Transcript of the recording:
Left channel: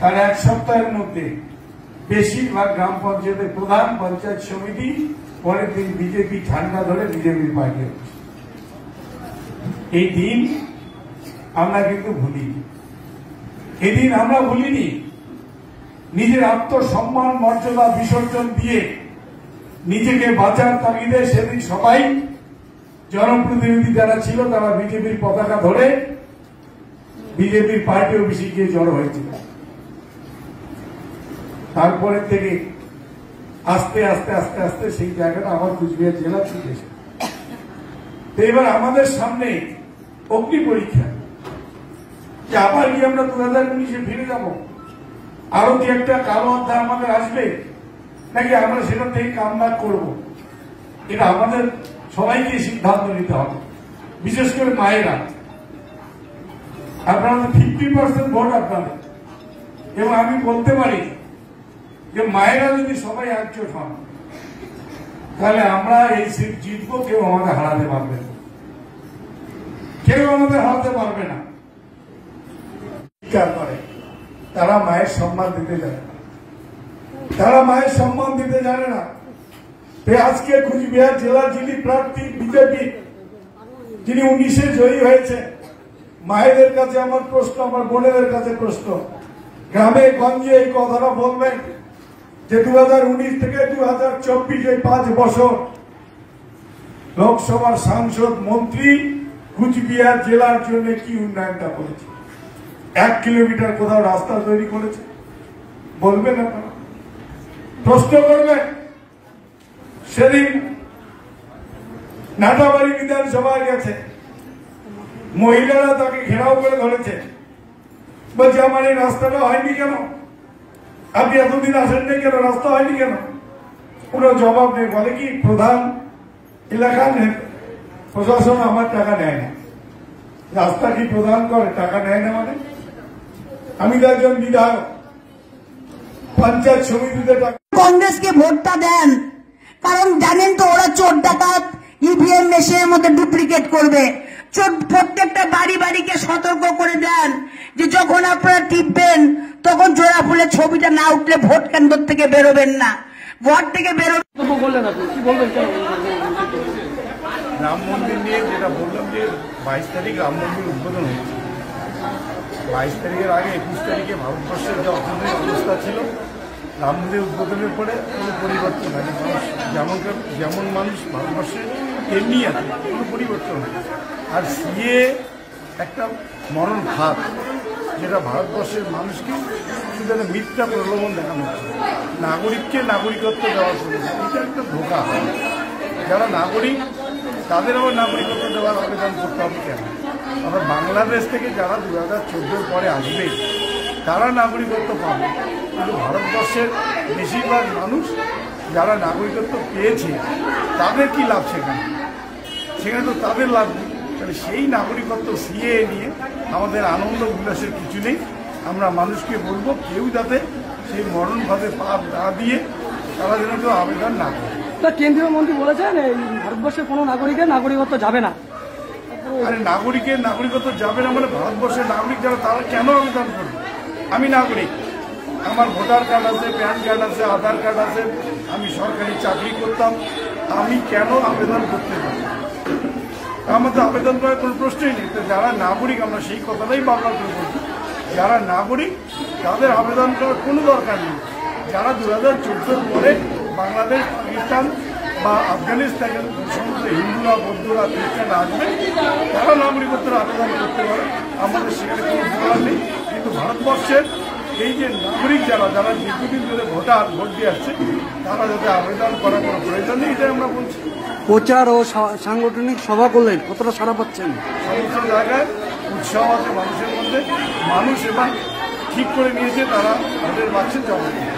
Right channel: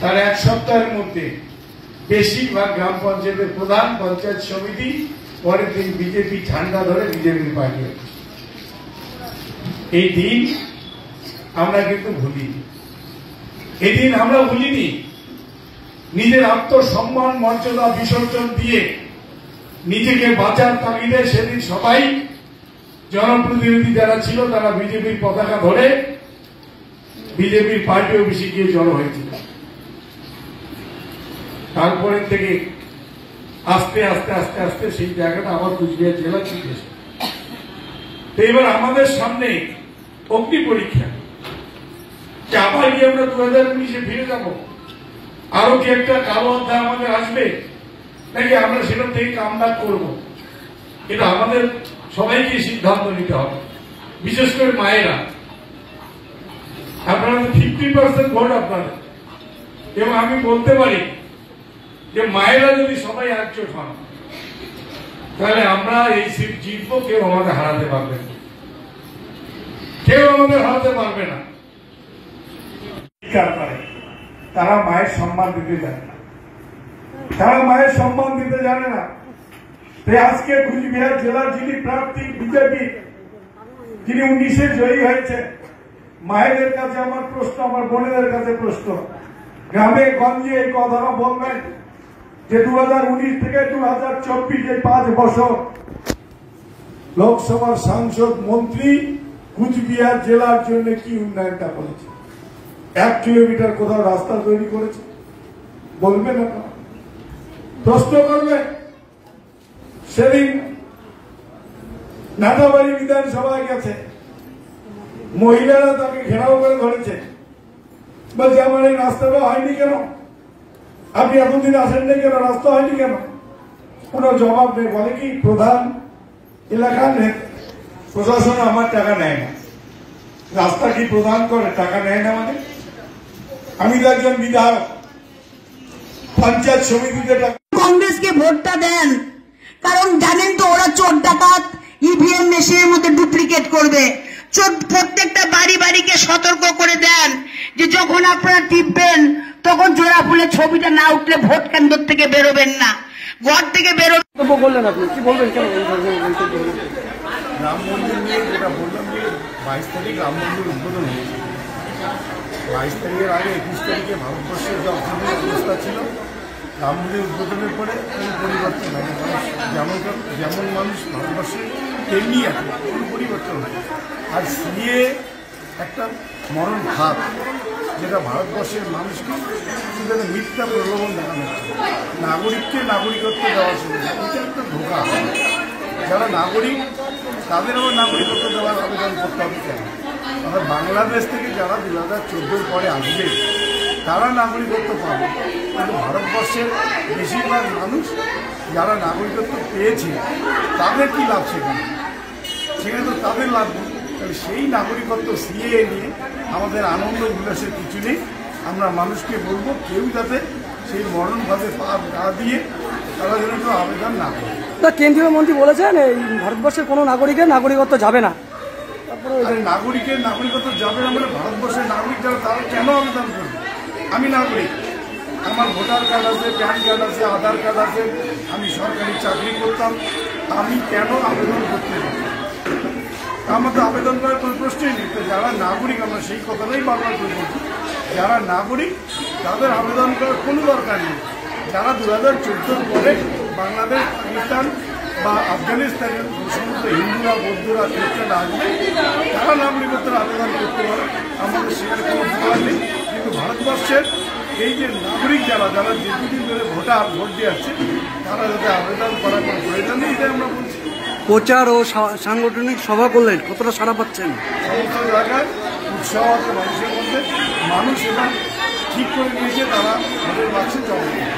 তার এক সপ্তাহের মধ্যে বেশিরভাগ গ্রাম পঞ্চায়েতের প্রধান, পঞ্চায়েত সমিতি পরের দিন বিজেপি ঝান্ডা ধরে বিজেপি পার্টি হচ্ছে। এই দিন আমরা কিন্তু ভুলিনি। এদিন আমরা ভুলিনি। নিজের আত্মসম্মান মর্যাদা বিসর্জন দিয়ে নিজেকে বাঁচার তাগিদে সেদিন সবাই জনপ্রতিনিধি যারা ছিল তারা বিজেপির পতাকা ধরে বিজেপির পার্টি অফিসে গিয়ে জড়ো হয়েছিল। তারপরে থেকে আস্তে আস্তে আস্তে আস্তে সেই জায়গাটা আবার কুচবিহার জেলা চলে এসে এবার আমাদের সামনে অগ্নি পরীক্ষা, যে আবার গিয়ে আমরা 2019-এ ফিরে যাব, আরো কি একটা কালো অধ্যায় আমাদের আসবে, নাকি আমরা সেটা থেকে কামব্যাক করবো। এটা আমাদের সবাইকে সিদ্ধান্ত নিতে হবে, বিশেষ করে মায়েরা। আপনারা 50% ভোট আপনাদের, এবং আমি বলতে পারি যে মায়েরা যদি সবাই একজোট হন তাহলে আমরা এই সিট জিতবো, কেউ আমাদের হারাতে পারবে না, কেউ আমাদের হারাতে পারবে না। তারা মায়ের সম্মান দিতে জানে না, তারা মায়ের সম্মান দিতে জানে না। আজকে কুচবিহার জেলার যিনি প্রার্থী বিজেপি, যিনি 19-এ জয়ী হয়েছে, মায়েদের কাছে আমার প্রশ্ন, আমার বোনেদের কাছে প্রশ্ন, গ্রামে গঞ্জে এই কথাটা বলবেন যে 2019 থেকে 2024 এই 5 বছর লোকসভার সাংসদ মন্ত্রী কুচবিহার জেলার জন্য কি উন্নয়নটা করেছে? 1 কিলোমিটার কোথাও রাস্তা তৈরি করেছে? বলবেন না? প্রশ্ন করবেন? সেদিন নাটাবাড়ি বিধানসভায় গেছে, মহিলারা তাকে ঘেরাও করে ধরেছে, বলছে আমার এই রাস্তাটা হয়নি কেন, আপনি এতদিন আসেন না কেন, রাস্তা হয়নি কেন? কোনো জবাব নেই। বলে কি প্রধান এলাকার প্রশাসন আমার টাকা নেয় না। রাস্তা কি প্রধান করে? টাকা নেয় না মানে? আমি তো একজন বিধায়ক, পঞ্চায়েত সমিতিতে কংগ্রেসকে ভোটটা দেন, কারণ জানেন তো ওরা চোর ডাকাত ইভিএম মেশিনের মধ্যে ডুপ্লিকেট করবে। প্রত্যেকটা বাড়ি বাড়িকে সতর্ক করে দেন যে যখন আপনারা টিপবেন তখন জোড়া ফুলের ছবিটা না উঠলে ভোট কেন্দ্র থেকে বেরোবেন না, ঘর থেকে বেরোবেন। রাম মন্দির নিয়ে যেটা বললাম যে 22 তারিখ রাম মন্দির উদ্বোধন হয়েছে। 22 তারিখের আগে 21 তারিখে ভারতবর্ষের যে অর্থনৈতিক অবস্থা ছিল, রাম মন্দির উদ্বোধনের পরে কোনো পরিবর্তন হয়নি। মানুষ যেমন মানুষ ভারতবর্ষে তেমনি আছে, কোনো পরিবর্তন হয়নি। আর সিএ একটা মরণ খাত, যেটা ভারতবর্ষের মানুষকে শুধু মিথ্যা প্রলোভন দেখানো হচ্ছে। নাগরিককে নাগরিকত্ব দেওয়ার জন্য এটা একটা ধোঁকা। যারা নাগরিক তাদের আবার নাগরিকত্ব দেওয়ার আবেদন করতে হবে কেন? আমরা বাংলাদেশ থেকে যারা 2014 পরে আসবে তারা নাগরিকত্ব পাবে, কিন্তু ভারতবর্ষের বেশিরভাগ মানুষ যারা নাগরিকত্ব পেয়েছে তাদের কি লাভ? সেখানে তো তাদের লাভ নেই। তাহলে সেই নাগরিকত্ব সিএ নিয়ে আমাদের আনন্দ উল্লাসের কিছু নেই। আমরা মানুষকে বলবো কেউ যাতে সেই মরণভাবে পাপ না দিয়ে তারা যেন কেউ আবেদন না করে। তো কেন্দ্রীয় মন্ত্রী বলেছেন এই ভারতবর্ষের কোনো নাগরিকের নাগরিকত্ব যাবে না। আরে নাগরিকের নাগরিকত্ব যাবে না মানে ভারতবর্ষের নাগরিক যারা তারা কেন আবেদন করবে? আমি নাগরিক, আমার ভোটার কার্ড আছে, প্যান কার্ড আছে, আধার কার্ড আছে, আমি সরকারি চাকরি করতাম, আমি কেন আবেদন করতে পারি? আমার তো আবেদন করার কোনো প্রশ্নই নেই। তো যারা নাগরিক, আমরা সেই কথাটাই বারবার করে বলছি, যারা নাগরিক তাদের আবেদন করার কোনো দরকার নেই। যারা 2014 পরে বাংলাদেশ, পাকিস্তান বা আফগানিস্তানের সমস্ত হিন্দুরা, বৌদ্ধরা, খ্রিস্টানরা আসবে, তারা নাগরিকত্বের আবেদন করতে পারে, আমাদের সেখানে কোনো বলার নেই। কিন্তু ভারতবর্ষের এই যে নাগরিক যারা দীর্ঘদিন ধরে ভোট দিয়ে আসছে, তারা যাতে আবেদন করার কোনো প্রয়োজন নেই, এটাই আমরা বলছি। প্রচার ও সাংগঠনিক সভা করলেন, কতটা সাড়া পাচ্ছেন? সমস্ত জায়গায় উৎসাহ আছে মানুষের মধ্যে। মানুষ এবার ঠিক করে নিয়েছে তারা ভোটের বাক্সে জমা দেবে।